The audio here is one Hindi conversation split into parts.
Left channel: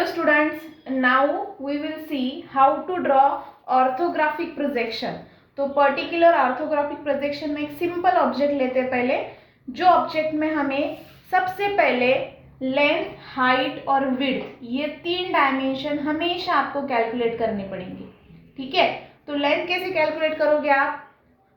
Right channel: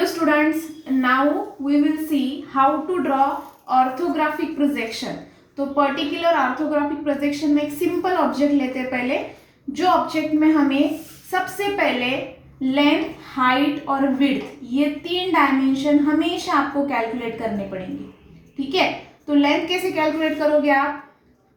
Hello students, now we will see how to draw orthographic projection. तो पर्टिकुलर ऑर्थोग्राफिक प्रोजेक्शन में एक सिंपल ऑब्जेक्ट लेते हैं पहले, जो ऑब्जेक्ट में हमें सबसे पहले लेंथ, हाइट और विड्थ ये तीन डायमेंशन हमेशा आपको कैलकुलेट करने पड़ेंगे. ठीक है, तो लेंथ कैसे कैलकुलेट करोगे आप?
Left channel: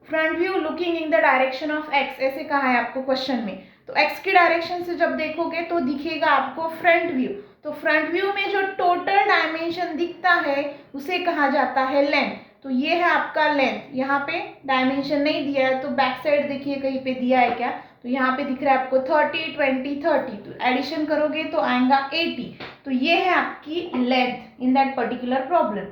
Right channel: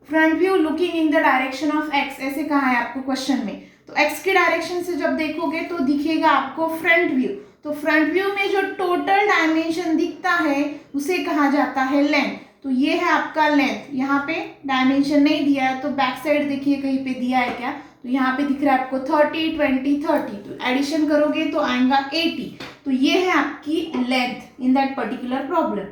Front view looking in the direction of x, ऐसे कहा है आपको क्वेश्चन में. तो एक्स की डायरेक्शन से जब देखोगे तो दिखेगा आपको फ्रंट व्यू. तो फ्रंट व्यू में जो टोटल डायमेंशन दिखता है उसे कहा जाता है लेंथ. तो ये है आपका लेंथ. यहाँ पे डायमेंशन नहीं दिया है तो बैक साइड देखिए कहीं पे दिया है क्या, तो यहाँ पे दिख रहा है आपको 30, 20, 30. तो एडिशन करोगे तो आएगा 80. तो ये है आपकी length in that particular problem.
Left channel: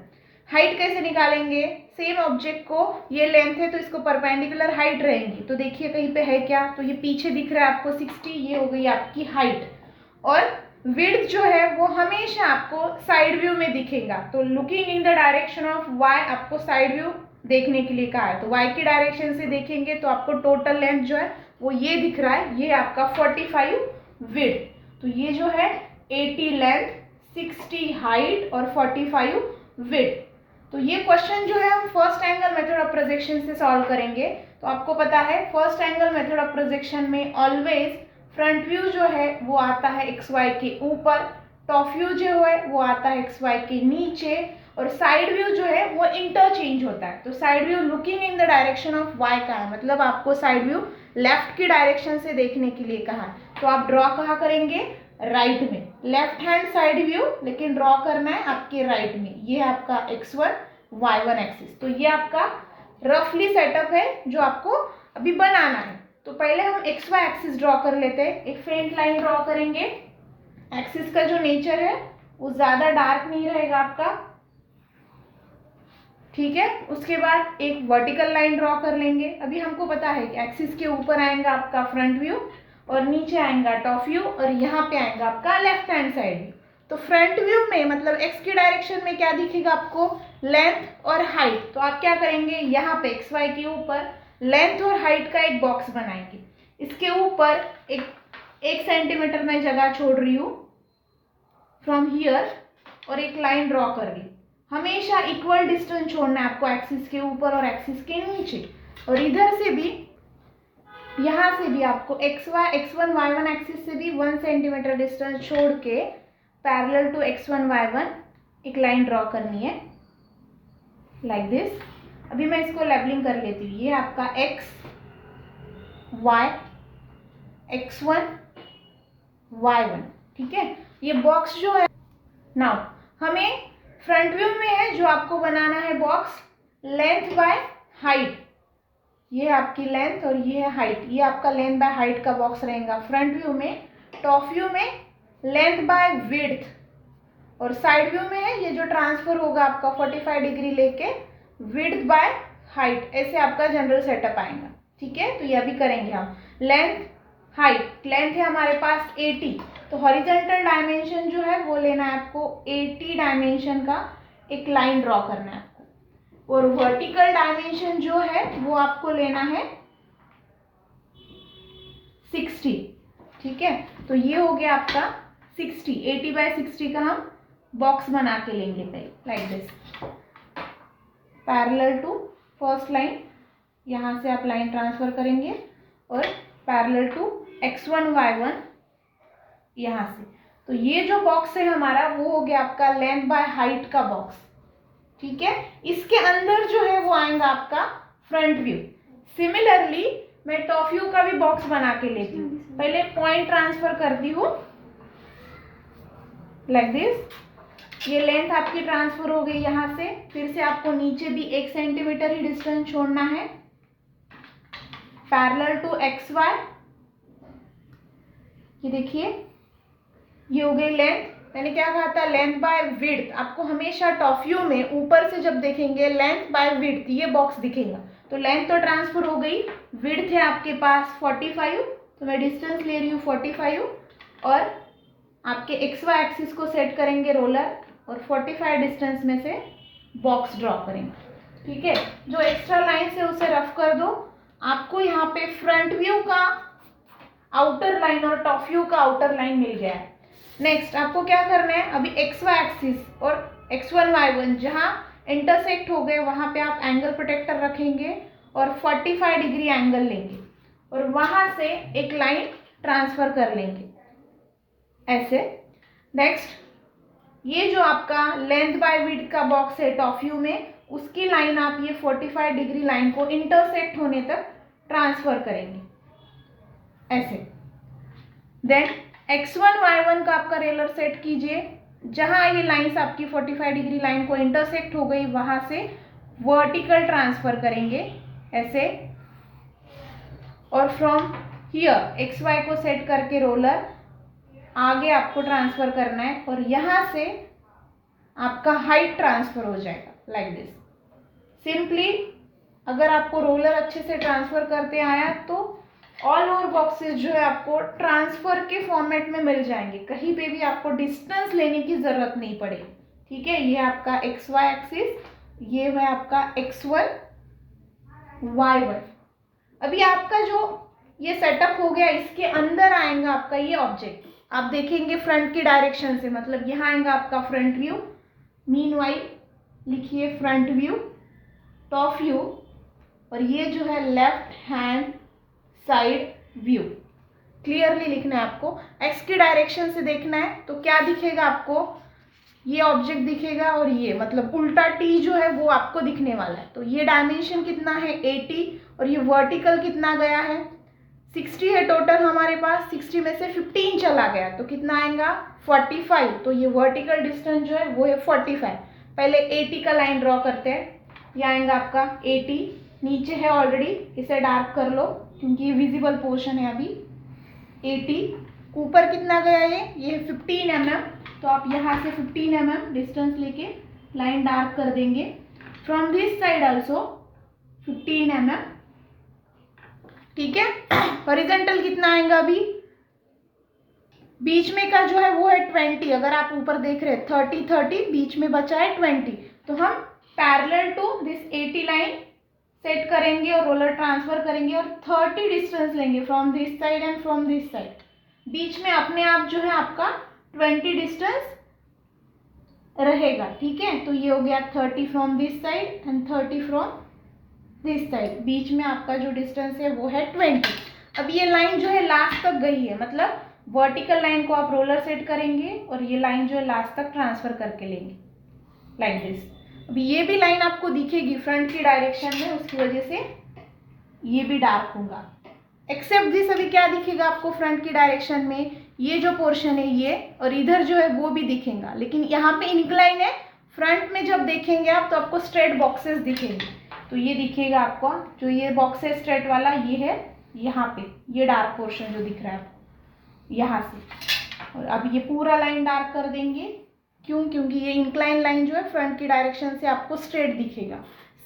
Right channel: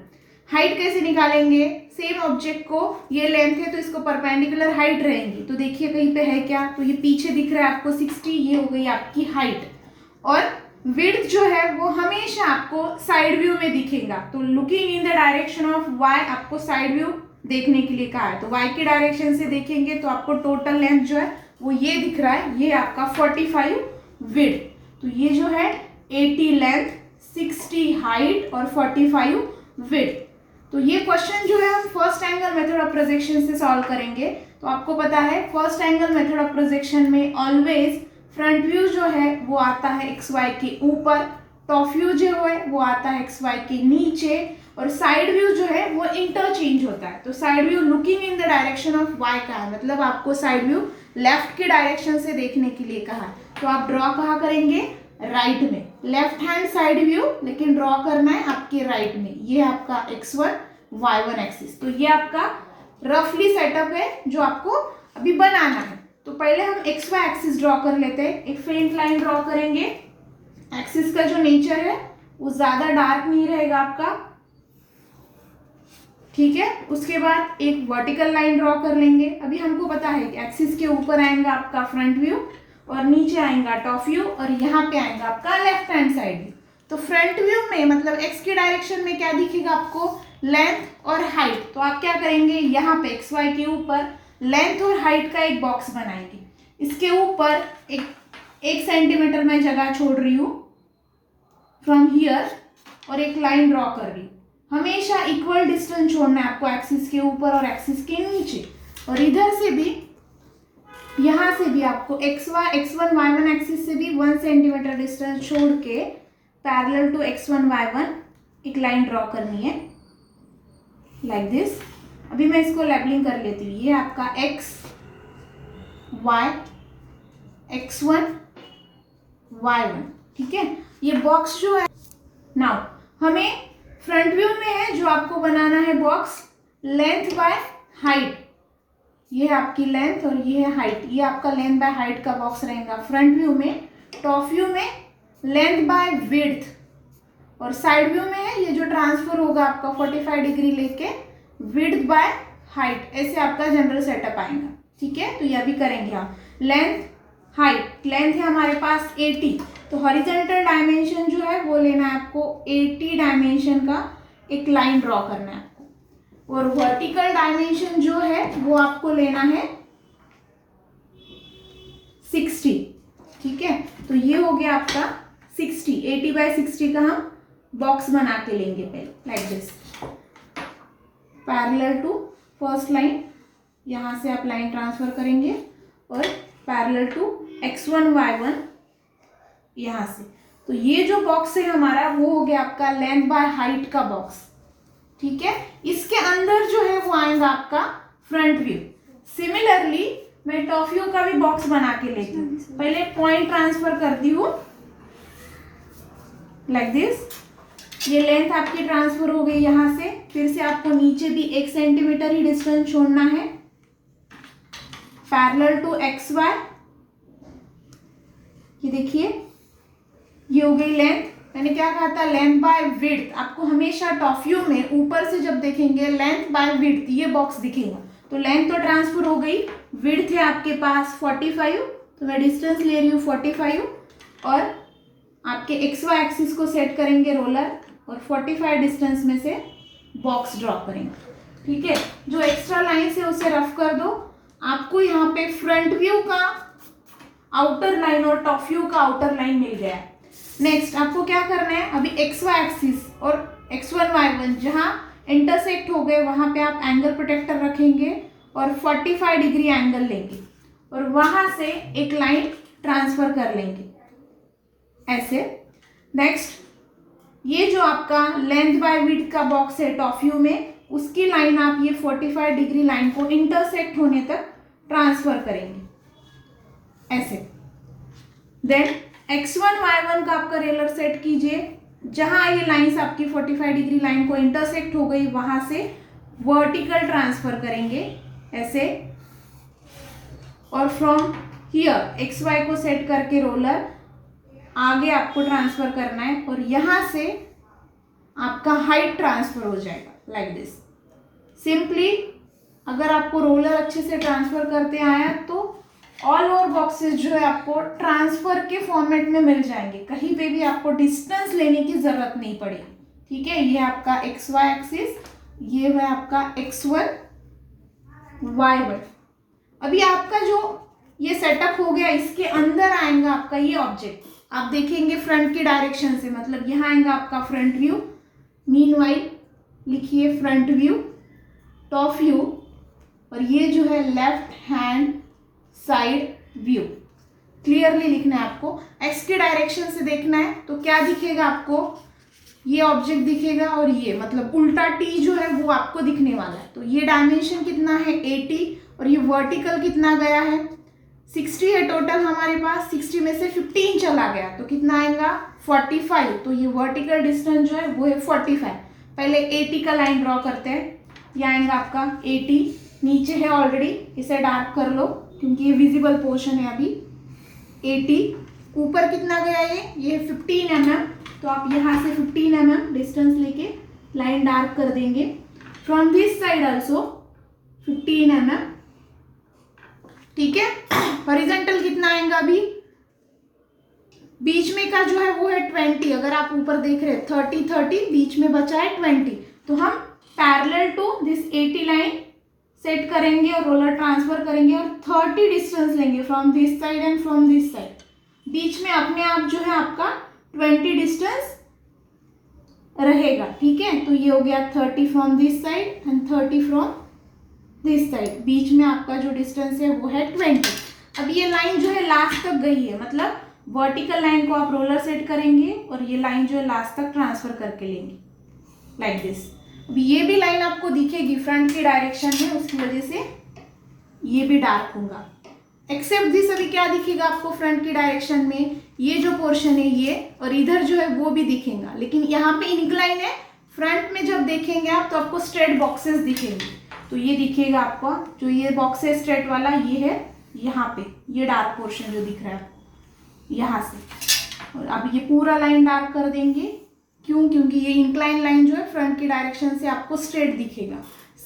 Height कैसे निकालेंगे? सेम ऑब्जेक्ट को, ये लेंथ है तो इसको परपेंडिकुलर हाइट रहेंगी. तो देखिए कहीं पे है क्या, तो ये पीछे दिख रहा है आपको 60, ये हो गई आपकी हाइट. और विड्थ जो है वो हमेशा आपको साइड व्यू में दिखेगा. तो looking in the direction of Y, आपको साइड व्यू देखने के लिए कहा है. तो वाई की डायरेक्शन से देखेंगे तो आपको टोटल लेंथ जो है वो ये दिख रहा है, ये आपका 45 विड्थ. तो ये जो है 80 लेंथ, 60 हाइट और 45 विड्थ. तो ये क्वेश्चन जो है हम first angle method of projection से सॉल्व करेंगे. तो आपको पता है first angle method of projection में ऑलवेज फ्रंट व्यू जो है वो आता है एक्स वाई के ऊपर, टॉप व्यू जो है वो आता है एक्स वाई के नीचे, और साइड व्यू जो है वो इंटरचेंज होता है. तो side view looking in the direction of Y का है, मतलब आपको साइड व्यू लेफ्ट की डायरेक्शन से देखने के लिए कहा. तो आप ड्रॉ कहाँ करेंगे? राइट में, लेफ्ट हैंड साइड व्यू, लेकिन ड्रॉ करना है आपके राइट में. ये है आपका x1 y1 एक्सिस. तो ये आपका रफली सेटअप है जो आपको अभी बनाना है. तो पहले हम xy एक्सिस ड्रॉ कर लेते हैं. एक फेंट लाइन ड्रॉ करेंगे. एक्सिस का जो नेचर है वो ज़्यादा डार्क नहीं रहेगा आपका. ठीक है, उसके बाद एक वर्टिकल लाइन ड्रॉ कर लेंगे. अभी हमको पता है कि एक्सिस के ऊपर आएगा आपका फ्रंट व्यू और नीचे आएगा टॉप व्यू और यहाँ पे आएगा आपका लेफ्ट हैंड साइड व्यू. तो फ्रंट व्यू में मतलब एक्स की डायरेक्शन में क्या दिखेगा आपको? लेंथ और हाइट. तो आप क्या करेंगे, यहाँ पे एक्स वाई के ऊपर लेंथ और हाइट का एक बॉक्स बनाएंगे. इसके ऊपर एक सेंटीमीटर में जगह छोड़ रही हूँ फ्रॉम हियर और एक लाइन ड्रॉ कर रही हूँ. हमेशा इक्वल डिस्टेंस छोड़ना है आपको एक्सिस के ऊपर और एक्सिस के नीचे. और इधर से भी, यहाँ से भी आपको x1 y1 एक्सिस से भी 1 सेंटीमीटर डिस्टेंस छोड़ के पैरेलल टू x1 y1 एक लाइन ड्रॉ करनी है लाइक दिस. अभी मैं इसको लेबलिंग कर लेती हूँ. ये आपका x, y, x1, y1. ठीक है, ये बॉक्स जो है नाउ हमें फ्रंट व्यू में है जो आपको बनाना है बॉक्स लेंथ बाय हाइट. ये है आपकी लेंथ और ये है हाइट. ये आपका लेंथ बाय हाइट का बॉक्स रहेगा फ्रंट व्यू में. टॉप व्यू में लेंथ बाय विड्थ और साइड व्यू में है ये जो ट्रांसफर होगा आपका 45 डिग्री लेके विड्थ बाय हाइट. ऐसे आपका जनरल सेटअप आएगा. ठीक है, तो ये अभी करेंगे हम. Length, height. लेंथ है हमारे पास 80, तो हॉरिजॉन्टल डायमेंशन जो है वो लेना है आपको 80 डायमेंशन का एक लाइन ड्रॉ करना है आपको. और वर्टिकल डायमेंशन जो है वो आपको लेना है 60. ठीक है, तो ये हो गया आपका 60. 80 बाय 60 का हम बॉक्स बना के लेंगे पहले like this. Parallel to first line, यहाँ से आप लाइन ट्रांसफर करेंगे और पैरेलल टू x1 y1 यहाँ से. तो ये जो बॉक्स है हमारा वो हो गया आपका लेंथ बाय हाइट का बॉक्स. ठीक है, इसके अंदर जो है वो आएगा आपका फ्रंट व्यू. सिमिलरली मैं टॉप व्यू का भी बॉक्स बना के लेती हूँ. पहले पॉइंट ट्रांसफर करती हूँ लाइक दिस. ये लेंथ आपकी ट्रांसफर हो गई यहाँ से. फिर से आपको नीचे भी 1 सेंटीमीटर ही डिस्टेंस छोड़ना है पैरेलल टू एक्स वाई. ये देखिए ये हो गई लेंथ. मैंने क्या कहा था? Length bye width. आपको हमेशा टॉप व्यू में ऊपर से जब देखेंगे लेंथ बाय विड्थ ये बॉक्स दिखेगा. तो लेंथ तो ट्रांसफर हो गई, विड्थ है आपके पास 45, तो मैं डिस्टेंस ले रही हूँ 45 और आपके एक्स वाई एक्सिस को सेट करेंगे रोलर और 45 डिस्टेंस में से बॉक्स ड्रॉ करेंगे. ठीक है, जो एक्स्ट्रा लाइन है उसे रफ कर दो. आपको यहाँ पे फ्रंट व्यू का आउटर लाइन और टॉप व्यू का आउटर लाइन मिल गया है. नेक्स्ट आपको क्या करना है, अभी एक्स वाई एक्सिस और x1 y1 जहाँ इंटरसेक्ट हो गए वहाँ पे आप एंगल प्रोटेक्टर रखेंगे और 45 डिग्री एंगल लेंगे और वहाँ से एक लाइन ट्रांसफर कर लेंगे ऐसे। नेक्स्ट ये जो आपका लेंथ बाय विड्थ का बॉक्स है टॉप व्यू में, उसकी लाइन आप ये 45 डिग्री लाइन को इंटरसेक्ट होने तक ट्रांसफर करेंगे ऐसे। देन x1 y1 का आपका रेलर सेट कीजिए, जहां ये लाइंस आपकी 45 डिग्री लाइन को इंटरसेक्ट हो गई वहां से वर्टिकल ट्रांसफर करेंगे ऐसे। और फ्रॉम हियर xy को सेट करके रोलर आगे आपको ट्रांसफर करना है और यहाँ से आपका हाइट ट्रांसफर हो जाएगा लाइक दिस सिंपली। अगर आपको रोलर अच्छे से ट्रांसफर करते आया तो ऑल ओवर बॉक्सेस जो है आपको ट्रांसफर के फॉर्मेट में मिल जाएंगे, कहीं पे भी आपको डिस्टेंस लेने की जरूरत नहीं पड़ेगी। ठीक है, ये आपका एक्स वाई एक्सिस, ये है आपका x1 y1। अभी आपका जो ये सेटअप हो गया, इसके अंदर आएगा आपका ये ऑब्जेक्ट, आप देखेंगे फ्रंट की डायरेक्शन से, मतलब यहाँ आएगा आपका फ्रंट व्यू। मीनवाइल लिखिए फ्रंट व्यू, टॉप व्यू और ये जो है left hand side view. Clearly लिखना है आपको, एक्स की डायरेक्शन से देखना है तो क्या दिखेगा आपको, ये ऑब्जेक्ट दिखेगा और ये मतलब उल्टा टी जो है वो आपको दिखने वाला है। तो ये डायमेंशन कितना है 80 और ये वर्टिकल कितना गया है 60 है टोटल हमारे पास, 60 में से 15 चला गया तो कितना आएगा 45। तो ये वर्टिकल डिस्टेंस जो है वो है 45। पहले 80 का लाइन ड्रॉ करते हैं, ये आएगा आपका 80, नीचे है ऑलरेडी, इसे डार्क कर लो क्योंकि ये विजिबल पोर्शन है अभी। 80 ऊपर कितना गया ये 15 mm, तो आप यहाँ से 15 mm डिस्टेंस लेके लाइन डार्क कर देंगे। From this side also 15 mm। ठीक है, हॉरिजॉन्टल कितना आएगा अभी, बीच में का जो है वो है 20। अगर आप ऊपर देख रहे हैं 30 बीच में बचा है 20, तो हम parallel to this 80 line set करेंगे और रोलर ट्रांसफर करेंगे और 30 डिस्टेंस लेंगे from this side and from this side. बीच में अपने आप जो है आपका 20 डिस्टेंस रहेगा। ठीक है, तो ये हो गया 30 from this side and 30 from this side, बीच में आपका जो डिस्टेंस है वो है 20। अब ये लाइन जो है लास्ट तक गई है, मतलब वर्टिकल लाइन को आप रोलर सेट करेंगे और ये लाइन जो है लास्ट तक ट्रांसफर करके लेंगे लाइक दिस। अभी ये भी लाइन आपको दिखेगी फ्रंट की डायरेक्शन में, उसकी वजह से ये भी डार्क होगा। एक्सेप्ट दिस, अभी क्या दिखेगा आपको फ्रंट की डायरेक्शन में, ये जो पोर्शन है ये और इधर जो है वो भी दिखेगा, लेकिन यहाँ पे इंक्लाइन है। फ्रंट में जब देखेंगे आप तो आपको स्ट्रेट बॉक्सेस दिखेंगे, तो ये दिखेगा आपको जो ये बॉक्स है स्ट्रेट वाला, ये है यहाँ पे, ये डार्क पोर्शन जो दिख रहा है आपको यहाँ से। और अब ये पूरा लाइन डार्क कर देंगे, क्यों, क्योंकि ये इंक्लाइन लाइन जो है फ्रंट की डायरेक्शन से आपको स्ट्रेट दिखेगा,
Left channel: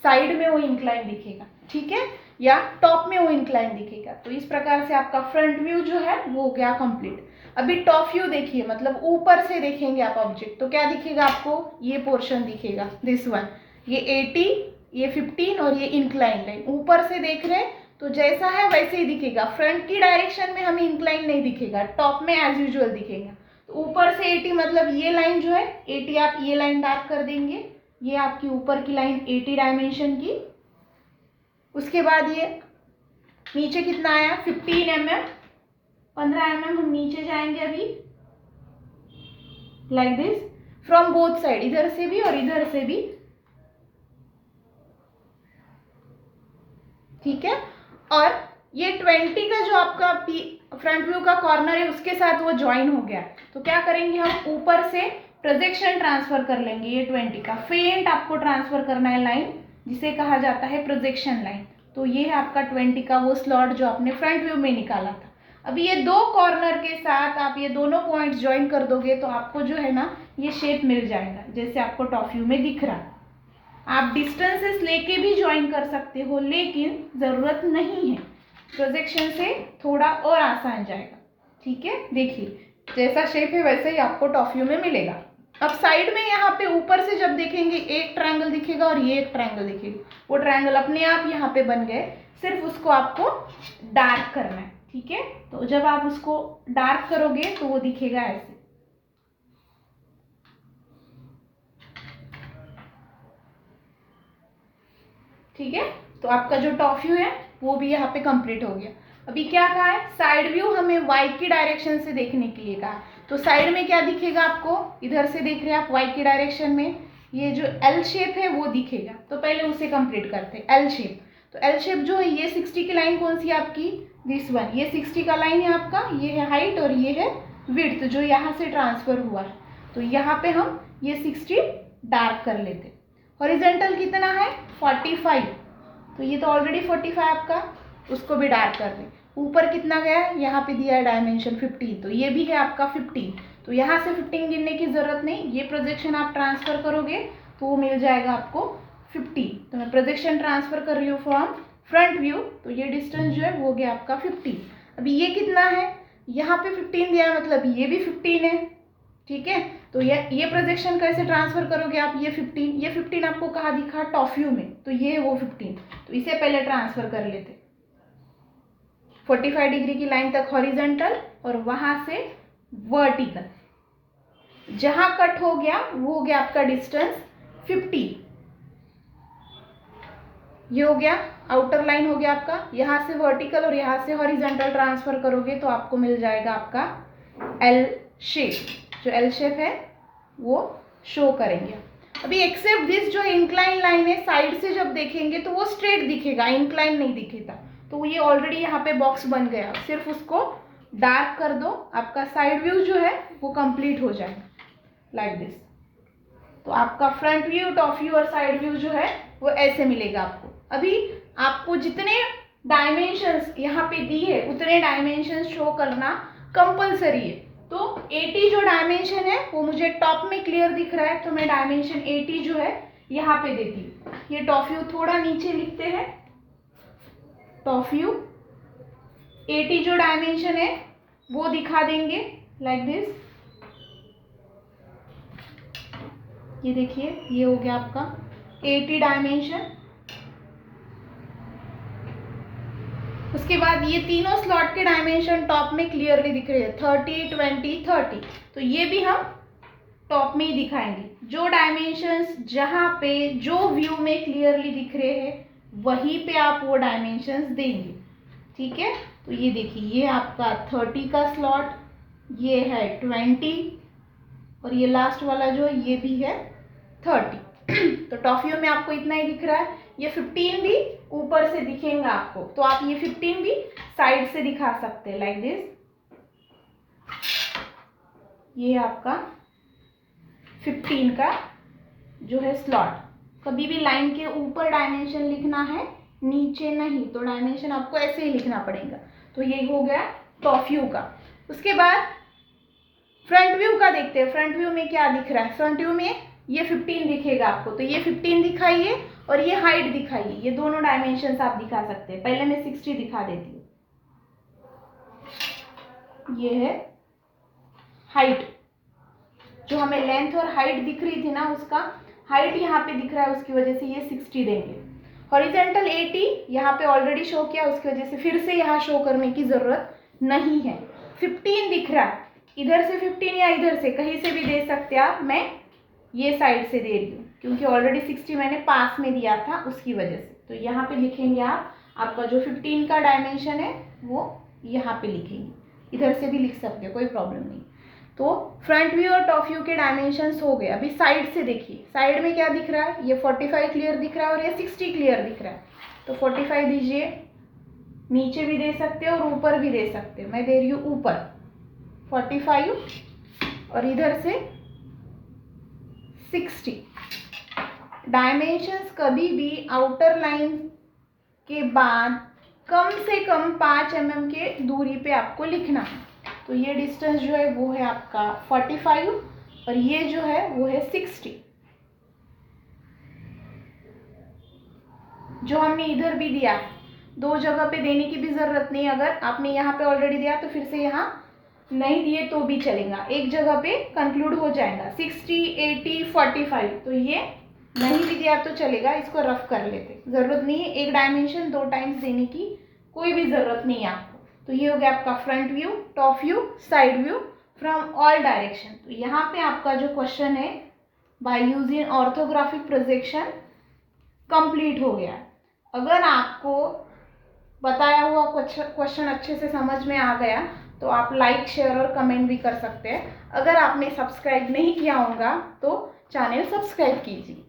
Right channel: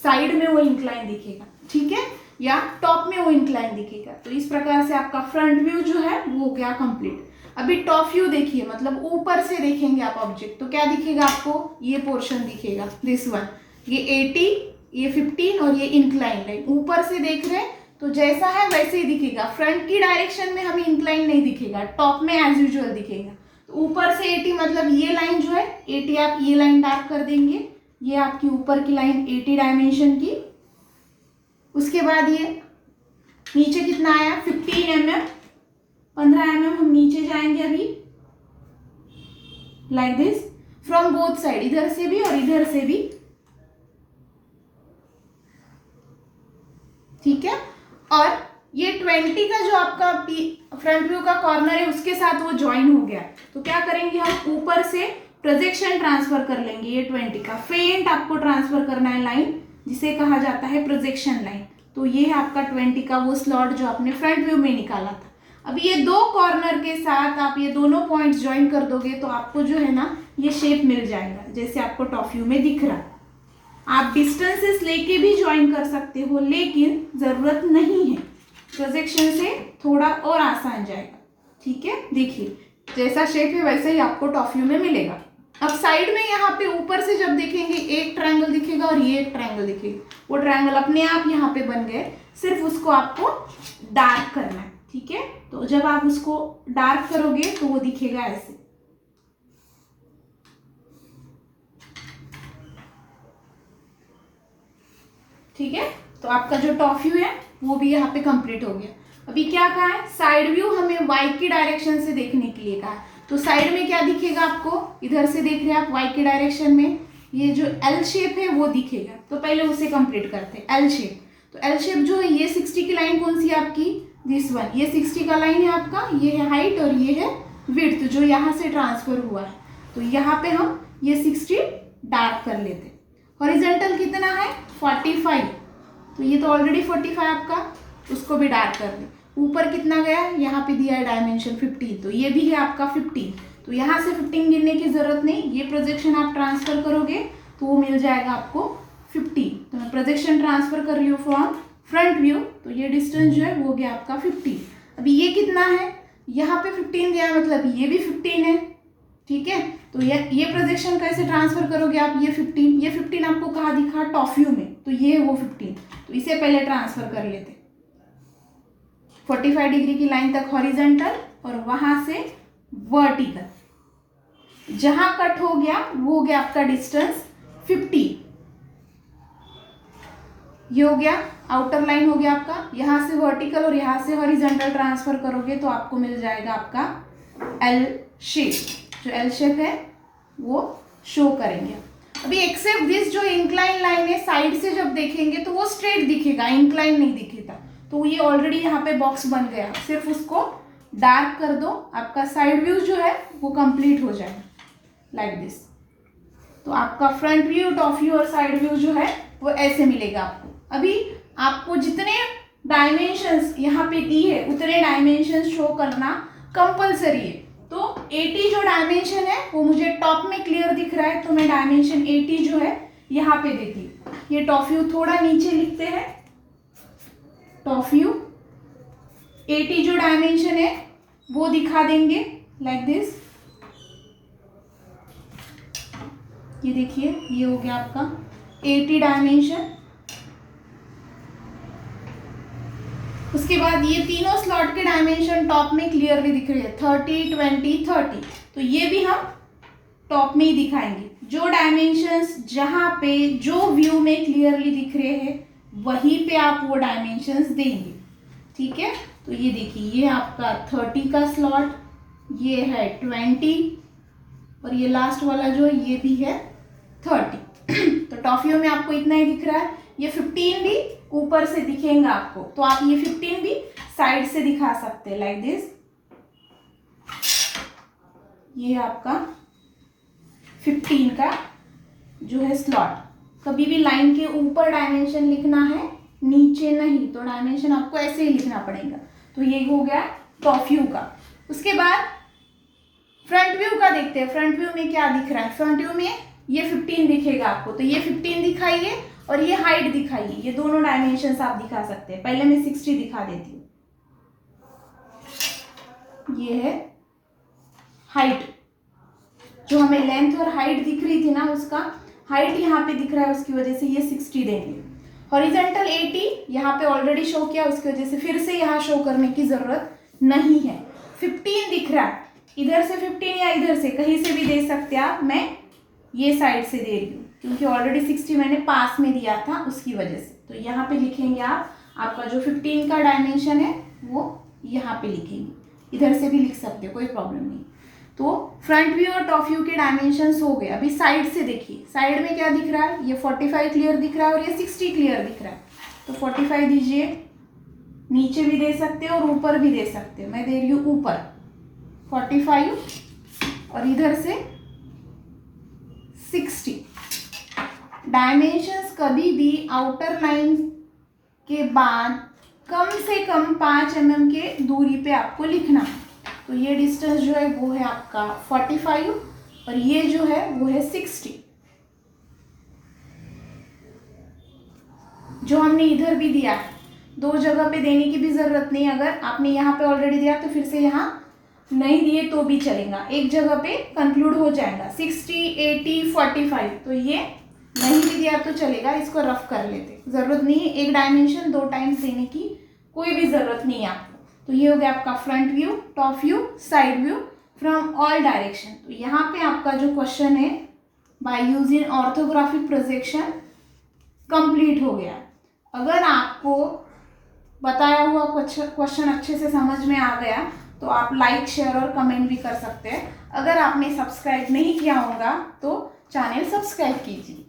साइड में वो इंक्लाइन दिखेगा। ठीक है, या टॉप में वो इंक्लाइन दिखेगा। तो इस प्रकार से आपका फ्रंट व्यू जो है वो हो गया कंप्लीट। अभी टॉप व्यू देखिए, मतलब ऊपर से देखेंगे आप ऑब्जेक्ट, तो क्या दिखेगा आपको, ये पोर्शन दिखेगा दिस वन, ये 80, ये 15 और ये इंक्लाइन लाइन ऊपर से देख रहे हैं तो जैसा है वैसे ही दिखेगा। फ्रंट की डायरेक्शन में हमें इंक्लाइन नहीं दिखेगा, टॉप में एज यूजुअल दिखेगा। तो ऊपर से 80 मतलब ये लाइन जो है 80, आप ये लाइन डार्क कर देंगे, ये आपकी ऊपर की लाइन 80 डायमेंशन की। उसके बाद ये नीचे कितना आया 15 mm, 15 mm हम नीचे जाएंगे अभी like this from both side, इधर से भी और इधर से भी। ठीक है, और ये 20 का जो आपका फ्रंट व्यू का कॉर्नर है उसके साथ वो ज्वाइन हो गया, तो क्या करेंगे हम ऊपर से प्रोजेक्शन ट्रांसफर कर लेंगे। ये 20 का फेंट आपको ट्रांसफर करना है लाइन, जिसे कहा जाता है प्रोजेक्शन लाइन। तो ये है आपका 20 का वो स्लॉट जो आपने फ्रंट व्यू में निकाला था। अभी ये दो कॉर्नर के साथ आप ये दोनों पॉइंट्स ज्वाइन कर दोगे तो आपको जो है ना ये शेप मिल जाएगा, जैसे आपको टॉप व्यू में दिख रहा है। आप डिस्टेंसेस लेके भी ज्वाइन कर सकते हो, लेकिन ज़रूरत नहीं है, प्रोजेक्शन से थोड़ा और आसान जाएगा। ठीक है, देखिए जैसा शेप है वैसे ही आपको टॉप व्यू में मिलेगा। अब साइड में यहाँ पे ऊपर से जब देखेंगे एक ट्रायंगल दिखेगा और ये एक ट्रायंगल दिखेगा, वो ट्रायंगल अपने आप यहाँ पे बन गए, सिर्फ उसको आपको डार्क करना है। ठीक है, तो जब आप उसको डार्क करोगे तो वो दिखेगा ऐसे, ठीक है। तो आपका जो टॉप व्यू है वो भी यहाँ पे कंप्लीट हो गया। अभी क्या कहा है, साइड व्यू हमें वाई की डायरेक्शन से देखने के लिए कहा है। तो साइड में क्या दिखेगा आपको, इधर से देख रहे हैं आप वाई की डायरेक्शन में, ये जो एल शेप है वो दिखेगा। तो पहले उसे कंप्लीट करते हैं, एल शेप। तो एल शेप जो है, ये 60 की लाइन कौन सी है आपकी, दिस वन, ये 60 का लाइन है आपका, ये है हाइट और ये है विड्थ जो यहाँ से ट्रांसफर हुआ है। तो यहाँ पे हम ये 60 डार्क कर लेते। हॉरिजेंटल कितना है 45, तो ये तो ऑलरेडी 45 आपका, उसको भी डार्क कर दें। ऊपर कितना गया है, यहाँ पे दिया है डायमेंशन 15, तो ये भी है आपका 15। तो यहाँ से 15 गिनने की ज़रूरत नहीं, ये प्रोजेक्शन आप ट्रांसफ़र करोगे तो वो मिल जाएगा आपको 50। तो मैं प्रोजेक्शन ट्रांसफ़र कर रही हूँ फ्रॉम फ्रंट व्यू, तो ये डिस्टेंस जो है वो गया आपका 50। अभी ये कितना है, यहाँ पे 15 दिया है, मतलब ये भी 15 है, ठीक है। तो ये प्रोजेक्शन कैसे ट्रांसफ़र करोगे आप, ये 15 आपको कहाँ दिखा, टॉप व्यू में, तो ये वो 15, तो इसे पहले ट्रांसफ़र कर लेते। 45 डिग्री की लाइन तक हॉरिजेंटल और वहाँ से वर्टिकल, जहाँ कट हो गया वो हो गया आपका डिस्टेंस 50। ये हो गया आउटर लाइन हो गया आपका, यहाँ से वर्टिकल और यहाँ से हॉरिजेंटल ट्रांसफ़र करोगे तो आपको मिल जाएगा आपका एल शेप। जो एल शेप है वो शो करेंगे। अभी एक्सेप्ट दिस, जो इंक्लाइन लाइन है साइड से जब देखेंगे तो वो स्ट्रेट दिखेगा, इंक्लाइन नहीं दिखेगा। तो ये ऑलरेडी यहाँ पे बॉक्स बन गया, सिर्फ उसको डार्क कर दो, आपका साइड व्यू जो है वो कंप्लीट हो जाएगा लाइक दिस। तो आपका फ्रंट व्यू, टॉप व्यू और साइड व्यू जो है वो ऐसे मिलेगा आपको। अभी आपको जितने डायमेंशंस यहाँ पे दी है उतने डायमेंशंस शो करना कंपलसरी है। तो 80 जो डायमेंशन है वो मुझे टॉप में क्लियर दिख रहा है, तो मैं डायमेंशन 80 जो है यहाँ पे देती हूँ। ये टॉप व्यू थोड़ा नीचे लिखते हैं, टॉप व्यू 80 जो डायमेंशन है वो दिखा देंगे लाइक दिस। ये देखिए, ये हो गया आपका 80 डायमेंशन। उसके बाद ये तीनों स्लॉट के डायमेंशन टॉप में क्लियरली दिख रहे हैं, 30 20 30। तो ये भी हम टॉप में ही दिखाएंगे। जो डायमेंशंस जहाँ पे जो व्यू में क्लियरली दिख रहे हैं वहीं पे आप वो डायमेंशंस देंगे, ठीक है। तो ये देखिए, ये आपका 30 का स्लॉट, ये है 20 और ये लास्ट वाला जो है ये भी है 30। तो टॉप व्यू में आपको इतना ही दिख रहा है। ये 15 भी ऊपर से दिखेगा आपको, तो आप ये 15 भी साइड से दिखा सकते हैं लाइक दिस। ये आपका 15 का जो है स्लॉट। कभी भी लाइन के ऊपर डायमेंशन लिखना है, नीचे नहीं, तो डायमेंशन आपको ऐसे ही लिखना पड़ेगा। तो ये हो गया टॉप व्यू का। उसके बाद फ्रंट व्यू का देखते हैं। फ्रंट व्यू में क्या दिख रहा है, फ्रंट व्यू में ये 15 दिखेगा आपको, तो ये 15 दिखाइए और ये हाइट दिखाइए। ये दोनों डायमेंशंस आप दिखा सकते हैं। पहले मैं 60 दिखा देती हूँ। ये है हाइट, जो हमें लेंथ और हाइट दिख रही थी ना, उसका हाइट यहाँ पे दिख रहा है, उसकी वजह से ये 60 देंगे। हॉरिजेंटल 80 यहाँ पे ऑलरेडी शो किया, उसकी वजह से फिर से यहाँ शो करने की ज़रूरत नहीं है। 15 दिख रहा है, इधर से 15 या इधर से कहीं से भी दे सकते आप। मैं ये साइड से दे रही हूँ क्योंकि ऑलरेडी 60 मैंने पास में दिया था, उसकी वजह से। तो यहाँ पे लिखेंगे आप, आपका जो 15 का डायमेंशन है वो यहाँ पे लिखेंगे, इधर से भी लिख सकते हो, कोई प्रॉब्लम नहीं। तो फ्रंट व्यू और टॉप व्यू के डायमेंशंस हो गए। अभी साइड से देखिए, साइड में क्या दिख रहा है, ये 45 क्लियर दिख रहा है और ये 60 क्लियर दिख रहा है। तो 45 दीजिए, नीचे भी दे सकते हो और ऊपर भी दे सकते हो। मैं दे रही हूँ ऊपर 45 और इधर से 60। डायमेंशंस कभी भी आउटर लाइन के बाद कम से कम 5 mm के दूरी पे आपको लिखना है। तो ये डिस्टेंस जो है वो है आपका 45 और ये जो है वो है 60। जो हमने इधर भी दिया है, दो जगह पे देने की भी ज़रूरत नहीं। अगर आपने यहाँ पे ऑलरेडी दिया तो फिर से यहाँ नहीं दिए तो भी चलेगा, एक जगह पे कंक्लूड हो जाएगा। 60 80 45, तो ये नहीं भी दिया तो चलेगा, इसको रफ कर लेते, ज़रूरत नहीं है एक डायमेंशन 2 टाइम्स देने की, कोई भी ज़रूरत नहीं है आपको। तो ये हो गया आपका front view, top view, side view from all direction. तो यहाँ पे आपका जो क्वेश्चन है by using orthographic projection complete हो गया। अगर आपको बताया हुआ क्वेश्चन अच्छे से समझ में आ गया तो आप लाइक, शेयर और कमेंट भी कर सकते हैं। अगर आपने सब्सक्राइब नहीं किया होगा तो चैनल सब्सक्राइब कीजिए।